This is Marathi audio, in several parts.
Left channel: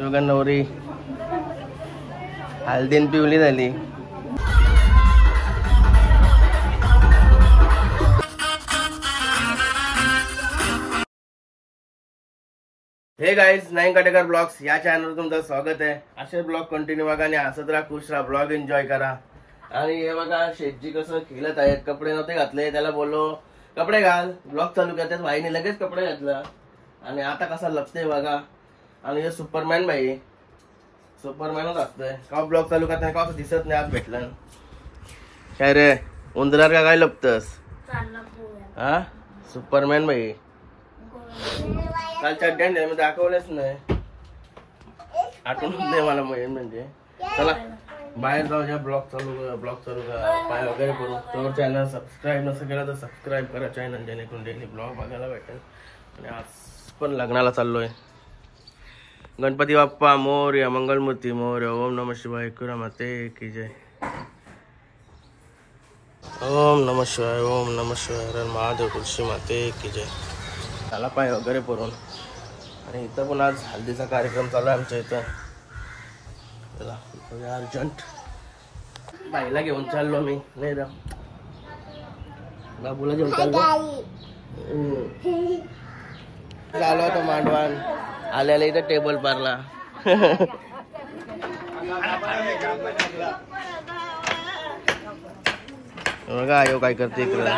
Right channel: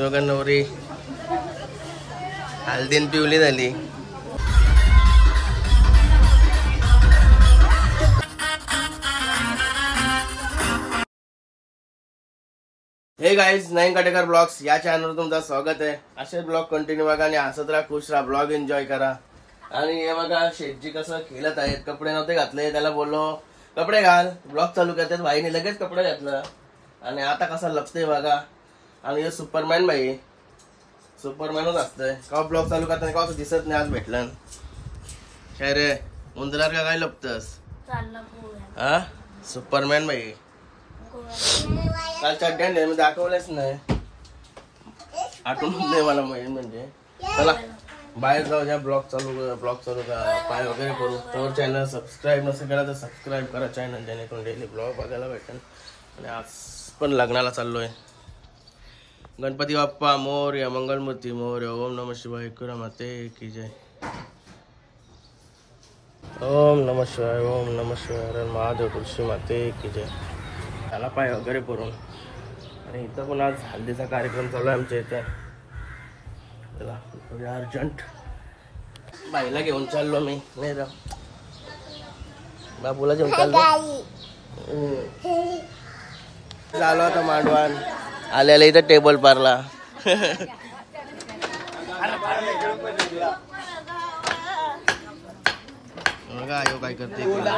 बघा नवरी हळदीन पिवली झाली. हे गाईज, नाईन काटेकर ब्लॉग्स या चॅनलवर तुमचं स्वागत आहे. असे ब्लॉग कंटिन्यू बघा आणि हसत राहा, खुश राहा, ब्लॉग एन्जॉय करा. आणि हे बघा शेटजी कसं खेळत आहेत. कपडे नव्हते घातले, त्याला बोललो कपडे घाल, ब्लॉग चालू करतात. भाईने लगेच कपडे घातलं आणि आता कसा लपते बघा. आणि हे सुपरमॅन भाई, सुपरमॅनच असतंय. का ब्लॉग चालू करताना का दिसत नाही. आज भेटलं काय रे, उंदरार का काय लपतस? हा सुपरमॅन भाई. कालच्या डॅन मी दाखवलेच नाही, आठवण नाही मला मेन म्हणजे. चला बाहेर जाऊ द्या, ब्लॉग चालू का पाय वगैरे करू. तर चॅनल सबस्क्राईब नसेल केला तर सबस्क्राईब करा चॅनल, जेणेकरून डेली ब्लॉग बघायला भेटेल. आणि आज पण लग्नाला चाललोय. गणपती बाप्पा मोरया, मंगलमूर्ती मोरया. ओम नमः शिवाय, एकविरा माते की जय. ओम नमः शिवाय, ओम नमः शिवाय, हर महादेव, तुळशी माते की जय. त्याला पाय वगैरे करून. आणि इथं पण आज हल्दीचा कार्यक्रम चालू आमच्या इथं. चला अर्जंट बाईला घेऊन चाललो मी. नाही रा बाबूला घेऊन चाललो. चालू होता मांडवान आल्याला इथं टेबल पारला. बघा आयो काय करते इकडं.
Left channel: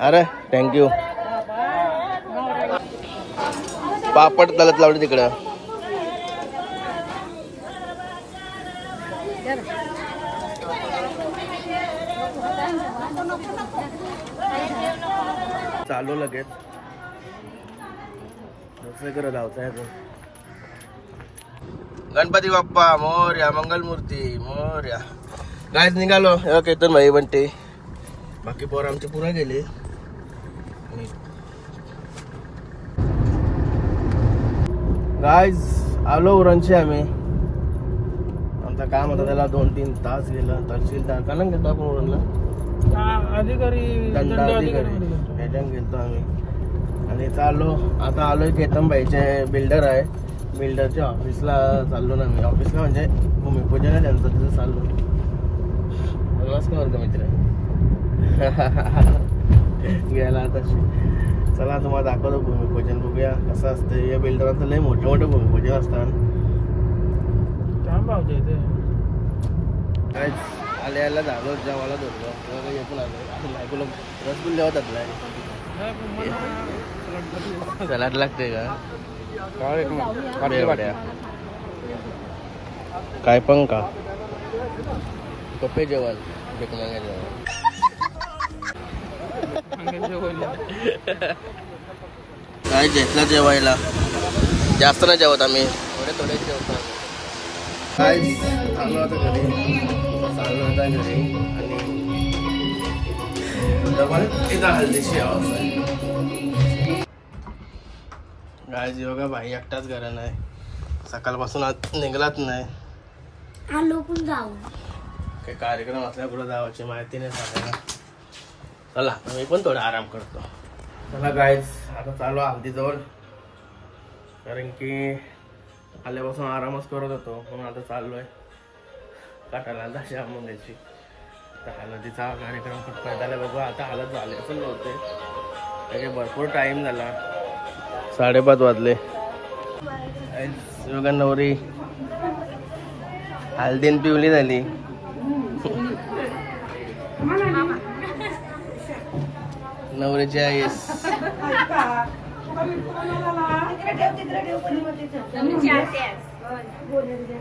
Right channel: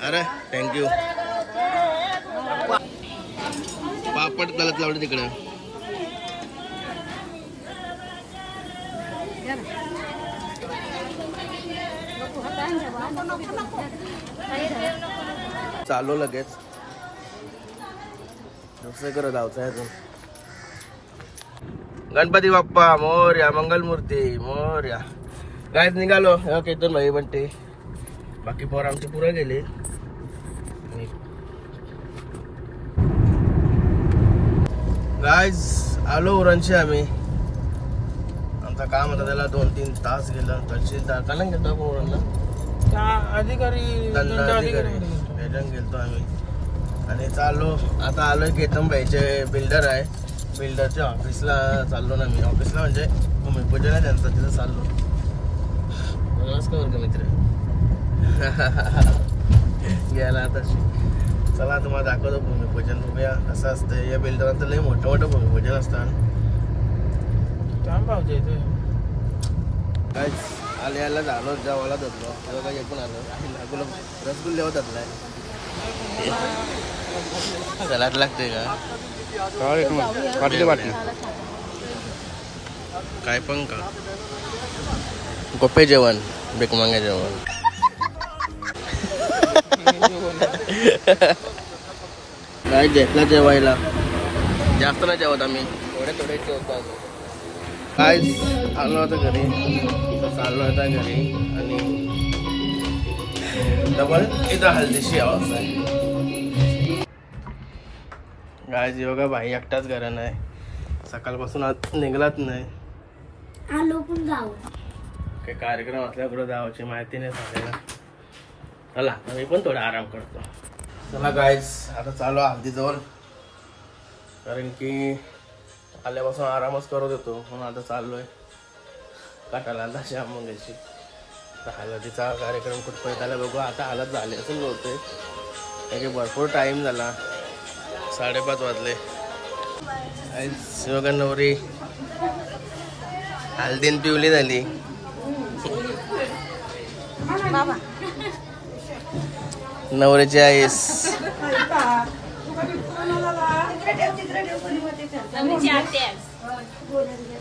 अरे थँक्यू. पापड तलत लावली तिकडं. चालू लगेच करत धावताय. गणपती बाप्पा मोरया, मंगलमूर्ती मोरया. गाईज निघालो. केतन भाई बनते, बाकी पोर आमचे पुरं गेले. गाईज आलो उरणशी आम्ही. आमचं काम होतं त्याला 2-3 तास गेलं. तहसीलदार चालून गेलो आपण उरणला, दंडाधिकारी त्याच्यानं गेलतो आम्ही. आणि चाललो आता. आलोय केतन भाईचे बिल्डर आहे, बिल्डरच्या ऑफिसला चाललो ना मी. ऑफिसला म्हणजे भूमिपूजन आहे त्यांचं, तिथं चाललो. नमस्कार वर्ग मित्र. गेला आता. चला तुम्हाला दाखवतो भूमिपूजन. बघूया कसं असतं. या बिल्डरांचं लय मोठे मोठे भूमिपूजन असतात. काय आले यायला झालो, जेवायला धरलो. तेव्हा काही पण आलो. आईला गुलाब रसगुल्ले होतातलाय. सलाड लागते का काय पण का गोपे जेवण, बेकमांगे जेवण. काय घेतलं जेवायला, जास्त नाही जेवत आम्ही, थोडे जेवतो. काय आलो आता घरी, चाललो होता घरी. आणि डबल तिथं हल्दीशी अवस्था आहे. गाय बघा भाई एकटाच घरा नाही, सकाळपासून आज निघलाच नाही. आलो पण जाऊ. काही कार्यक्रम असल्या पुढे जावाची माहिती नाही सांगायला. चला मी पण थोडा आराम करतो. चला गाईज आता चालू हल्दीजवळ, कारण की आल्यापासून आरामच करत होतो. म्हणून आता चाललोय काटाला दाशी आंबोंग्याची. हळदीचा कार्यक्रम कुठपर्यंत आला बघू. आता हळद झाले असं होते, त्याचे भरपूर टाइम झाला. 5:30 वाजले. बघा नवरी हळदीन पिवली झाली. नवरीची आईस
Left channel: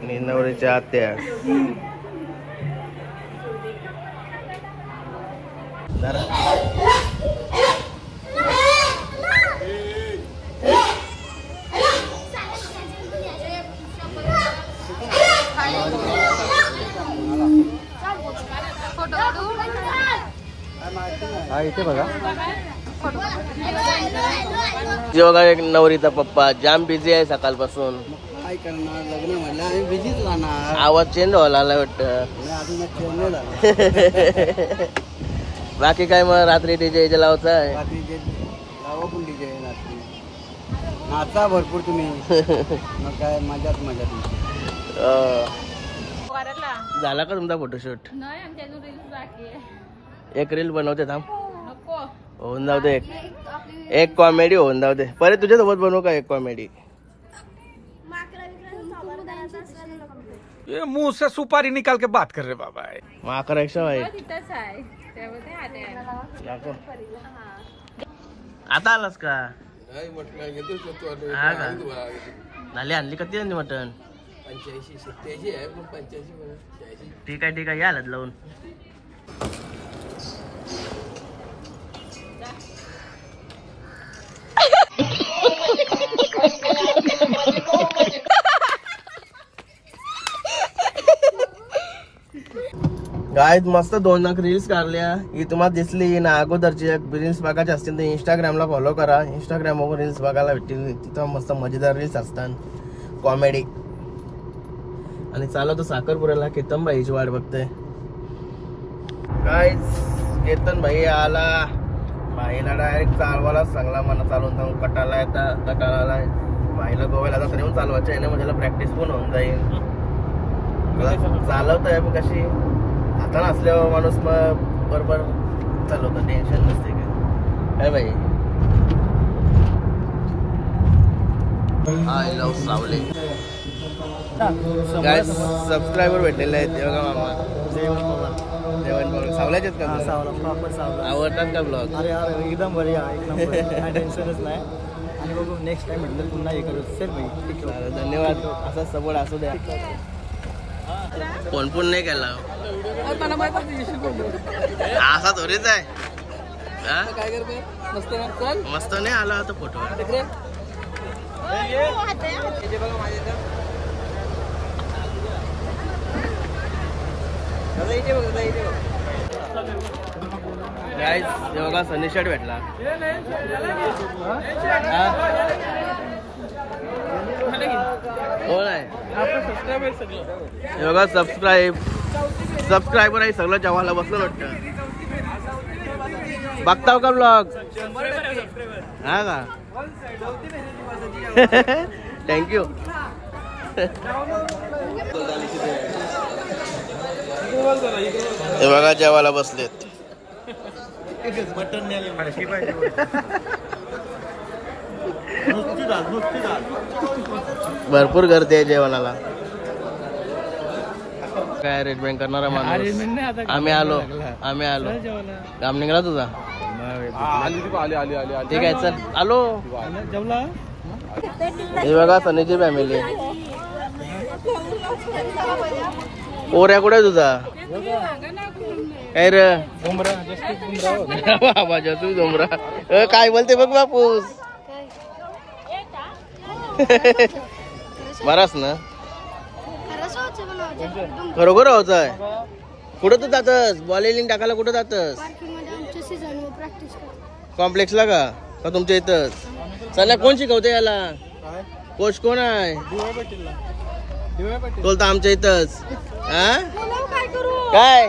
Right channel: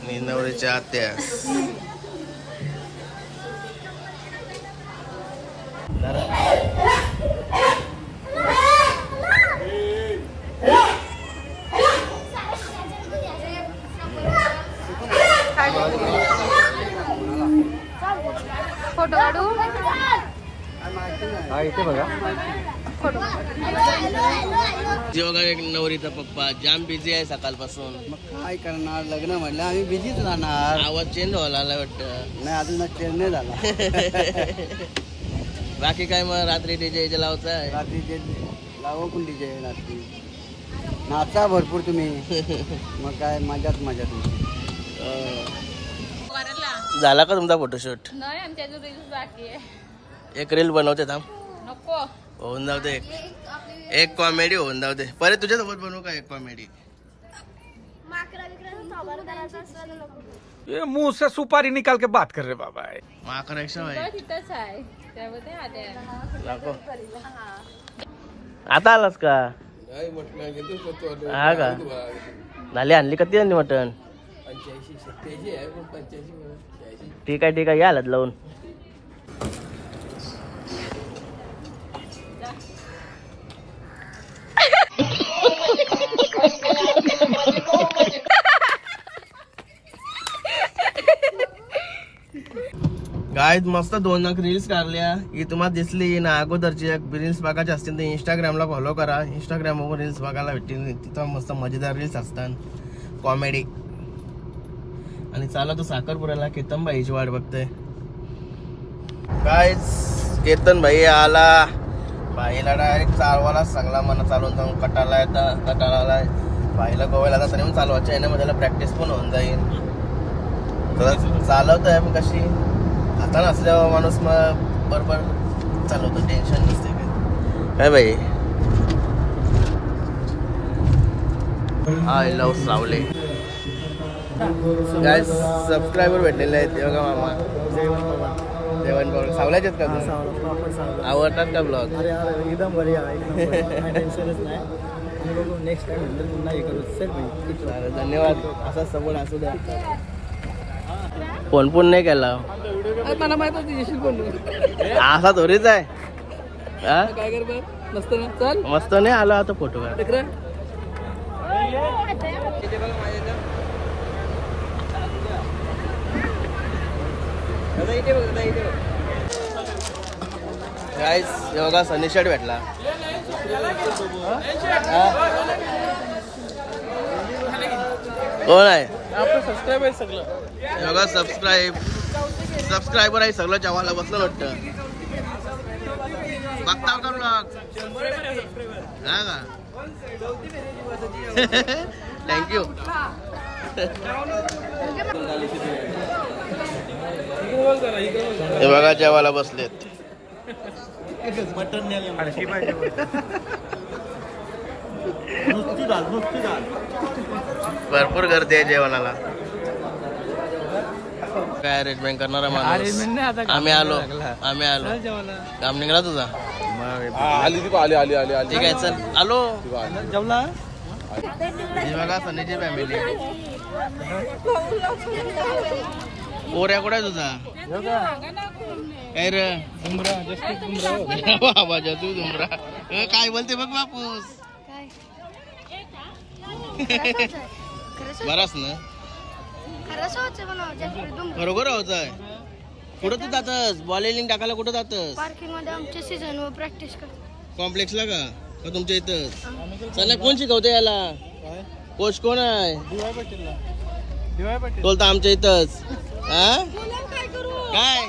आणि नवरीच्या आत्या. फोटो काढू. बघा एक नवरीचा पप्पा जाम बिझी आहे सकाळपासून. काय करणार, लग्न म्हणलं आम्ही बिझीच राहणार. आवाज चेंज व्हायला वाटतं. नाही अजून चेंज नाही झाला. बाकी काय मग रात्री डीजे लावताय? रात्री जे लावा पण डीजे रात्री नाचा भरपूर तुम्ही मग काय मजाच मजा तुमची. झाला का तुमचा फोटोशूट? एक रील बनवते थांब. होऊन जाऊ दे. एक कॉमेडी होऊन जाऊ दे. परत तुझ्यासोबत बनवू का एक कॉमेडी? ये मुंह से सुपारी निकाल के बात कर रहे बाबा. माकड एक्स्ट्रा भाई आता आलास का? हा का? झाली आणली कधी आणली मटण? 85-87 आहे पण 85 ठीक आहे या हलत लावून. गाईज मस्त 2 रील्स काढल्या. ही तुम्हाला दिसली ना अगोदरची रील्स बघायचे असतील तर इंस्टाग्रामला फॉलो करा. इंस्टाग्राम वरून रील्स बघायला भेटतील. तिथं मस्त मजेदार रील्स असतात कॉमेडी. आणि चालव तर साखरपुऱ्याला केतन भाईची वाट बघतोय. गाईज केतन भाई आला. भाईला डायरेक्ट चालवायला सांगला मला चालून जाऊन कटाला आलाय. भाईला गोव्याला जाता येऊन चालवायचं आहे ना माझ्याला प्रॅक्टिस पण होऊन जाईल. चालवत आहे पण कशी आता नसल्यावर माणूस मग बरोबर चालवतो. टेन्शन नसते काय भाई. आय लव्ह सावले. गाईज सबस्क्रायबर भेटलेले आहेत. बघा मामा जेवण पवार सावल्याचे आहेत का? आवडतात का ब्लॉग? अरे एकदम बढिया एकदम टेन्शनच नाही. आणि बघू नेक्स्ट टाइम म्हटलं पुन्हा हे करू. चल भाई धन्यवाद. असा सपोर्ट असू द्या. फोन पण नाही केला मला माहित येशील कोण असा थोडीच आहे. काय कर मस्त ना चल मस्त नाही आला आता फोटो. गाईस बघा सनी शर्ट भेटला. कोण आहे? हे बघा सबस्क्रायबर आहे सगळं. जेवायला बसलं वाटतं. बघताव का ब्लॉग? हा का? थँक्यू. हे बघा जेवायला बसलेत. मटन भरपूर गर्दी आहे जेवणाला. काय अरेंजमेंट करणारा माणूस. आम्ही आलो काम निघाला तुझा. ठीक आहे चल आलो. हे बघा सनीची फॅमिली. पोऱ्या कुठे तुझा? काय रे बाबा तू डोंबरा काय बोलते बघ बापूस. बराच ना खरोखर होत आहे. कुठं तू जातस? बॉलिंग टाकायला कुठं जातस? कॉम्प्लेक्सला का तुमच्या इथंच? चला कोण शिकवते याला? कोच कोण आहे? बोलतो आमच्या इथंच. काय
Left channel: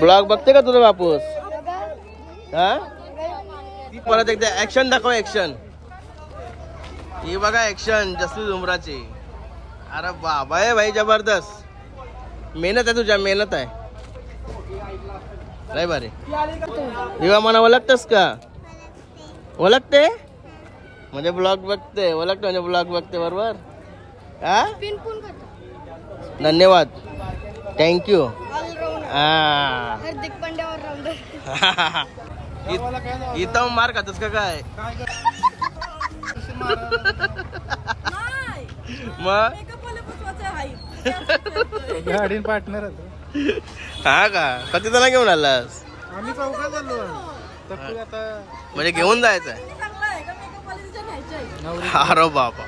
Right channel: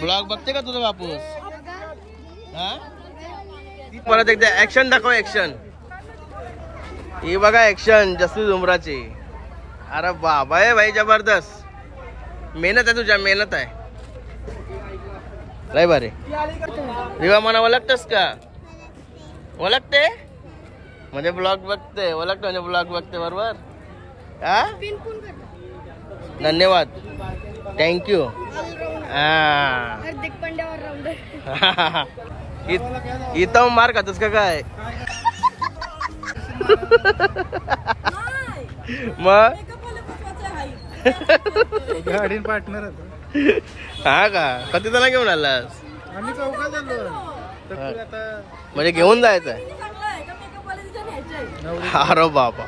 ब्लॉग बघते का तुझा बापूस? परत एकदा ऍक्शन दाखव. ऍक्शन ही बघा ऍक्शन जसवी झुमराची. अरे बाबा आहे भाई जबरदस्त. मेहनत आहे तुझ्या मेहनत आहे लय भारी. रिवा मना ओळखतेस का? ओळखते म्हणजे ब्लॉग बघते. ओळखते म्हणजे ब्लॉग बघते बरोबर. धन्यवाद थँक्यू. इथं मार खातोस का काय? मग गाडी पार्टनर हा का? कधी त्याला घेऊन आलास? आम्ही चौकात आलो. म्हणजे घेऊन जायचंय? अरे बाबा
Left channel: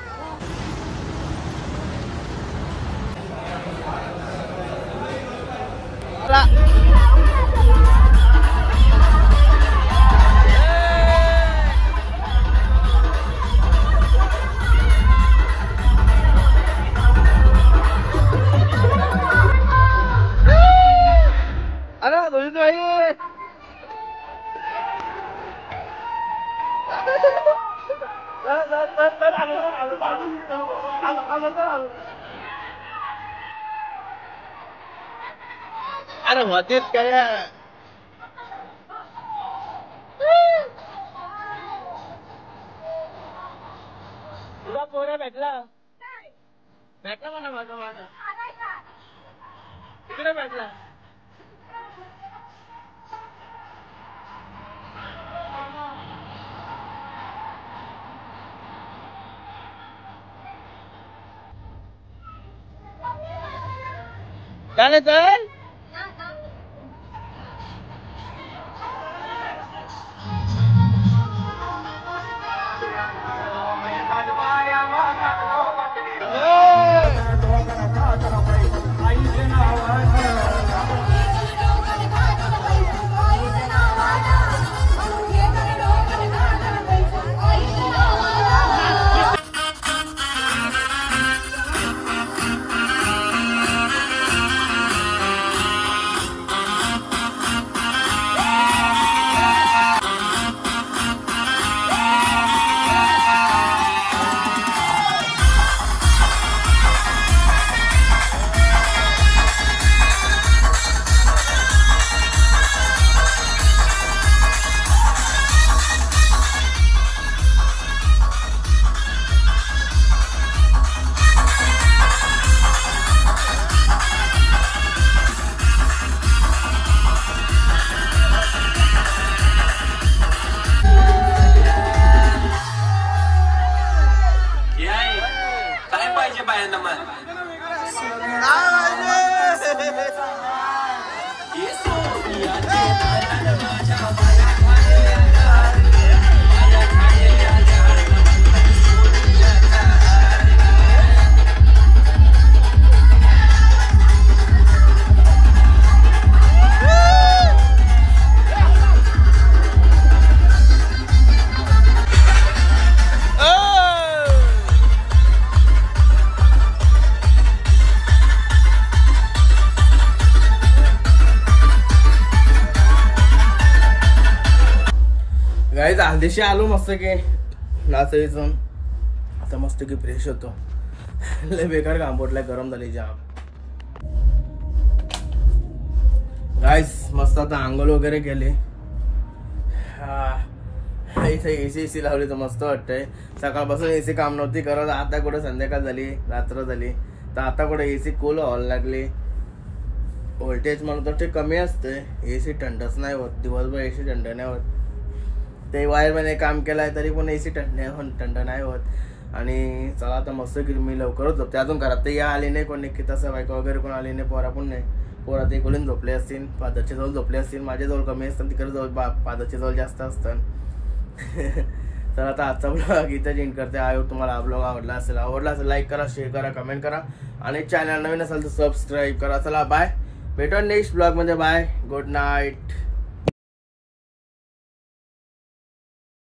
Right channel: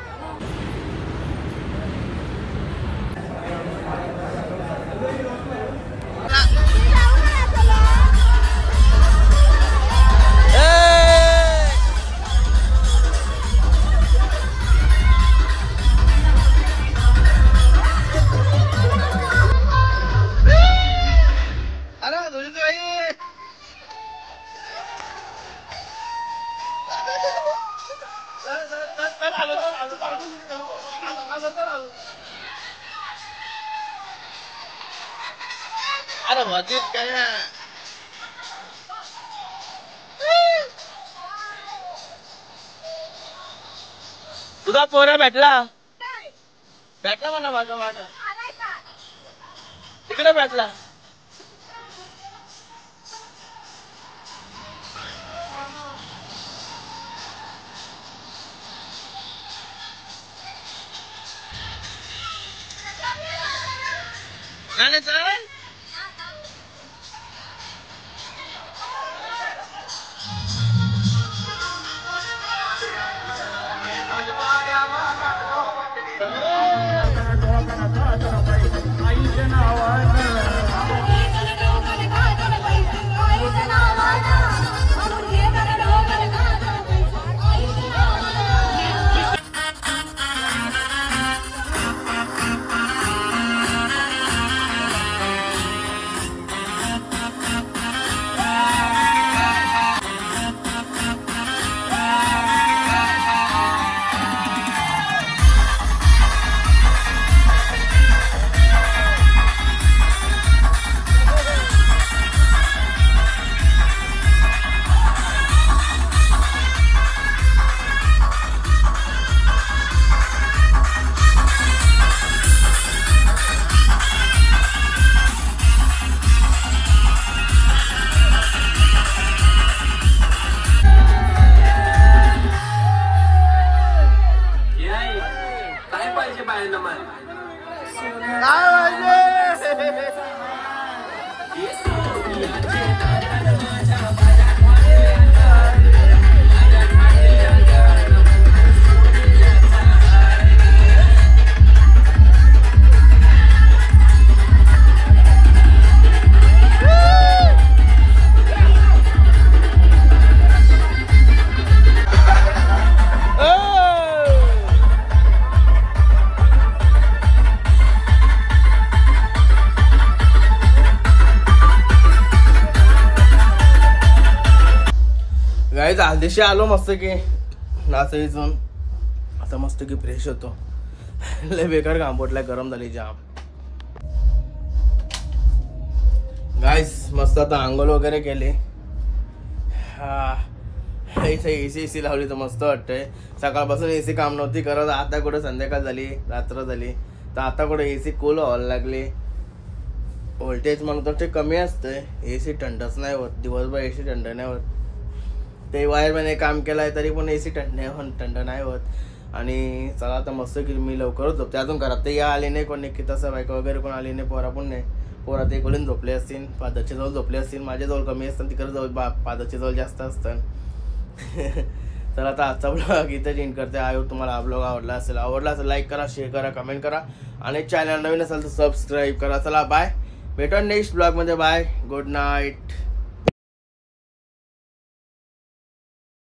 अरे होतीच काय तुझा पोरा भेटला म्हणा माझा तिकडे भेटला काय नाही चल गाईज आधीशी आलो मस्त की नाचायचं आता मस्त की फ्रेश होतो लय बेकार काम पोटलाय गरम झाली जाम गाईज मस्त आता आंघोळ वगैरे केली एसी लावली तर मस्त वाटतंय सकाळपासून एसी काम नव्हती करत आता कुठे संध्याकाळ झाली रात्र झाली तर आता कुठे एसी कूल व्हायला लागली व्होल्टेज म्हणतो ते कमी असते एसी थंडच नाही होत दिवसभर एसी थंड नाही होत ते वायरमॅनने काम केलंय तरी पण एसी थंड नाही होत आणि चला आता मस्त की मी लवकरच झोपते अजून घरात ते या आले नाही कोणी की तसं बायका वगैरे कोण आली नाही पोरा पण नाही पोरा ते कोणी झोपले असतील पादाच्या जवळ झोपले असतील माझ्या जवळ कमी असतात तिकडे जवळ पादाच्या जवळ जास्त असतात तर आता आजचा ब्लॉग इथे एंड करते आयो तुम्हाला हा ब्लॉग आवडला असेल लाईक करा शेअर करा कमेंट करा आणि चॅनल नवीन असेल तर सबस्क्राईब करा चला बाय भेटू नेक्स्ट ब्लॉग मध्ये बाय गुड नाईट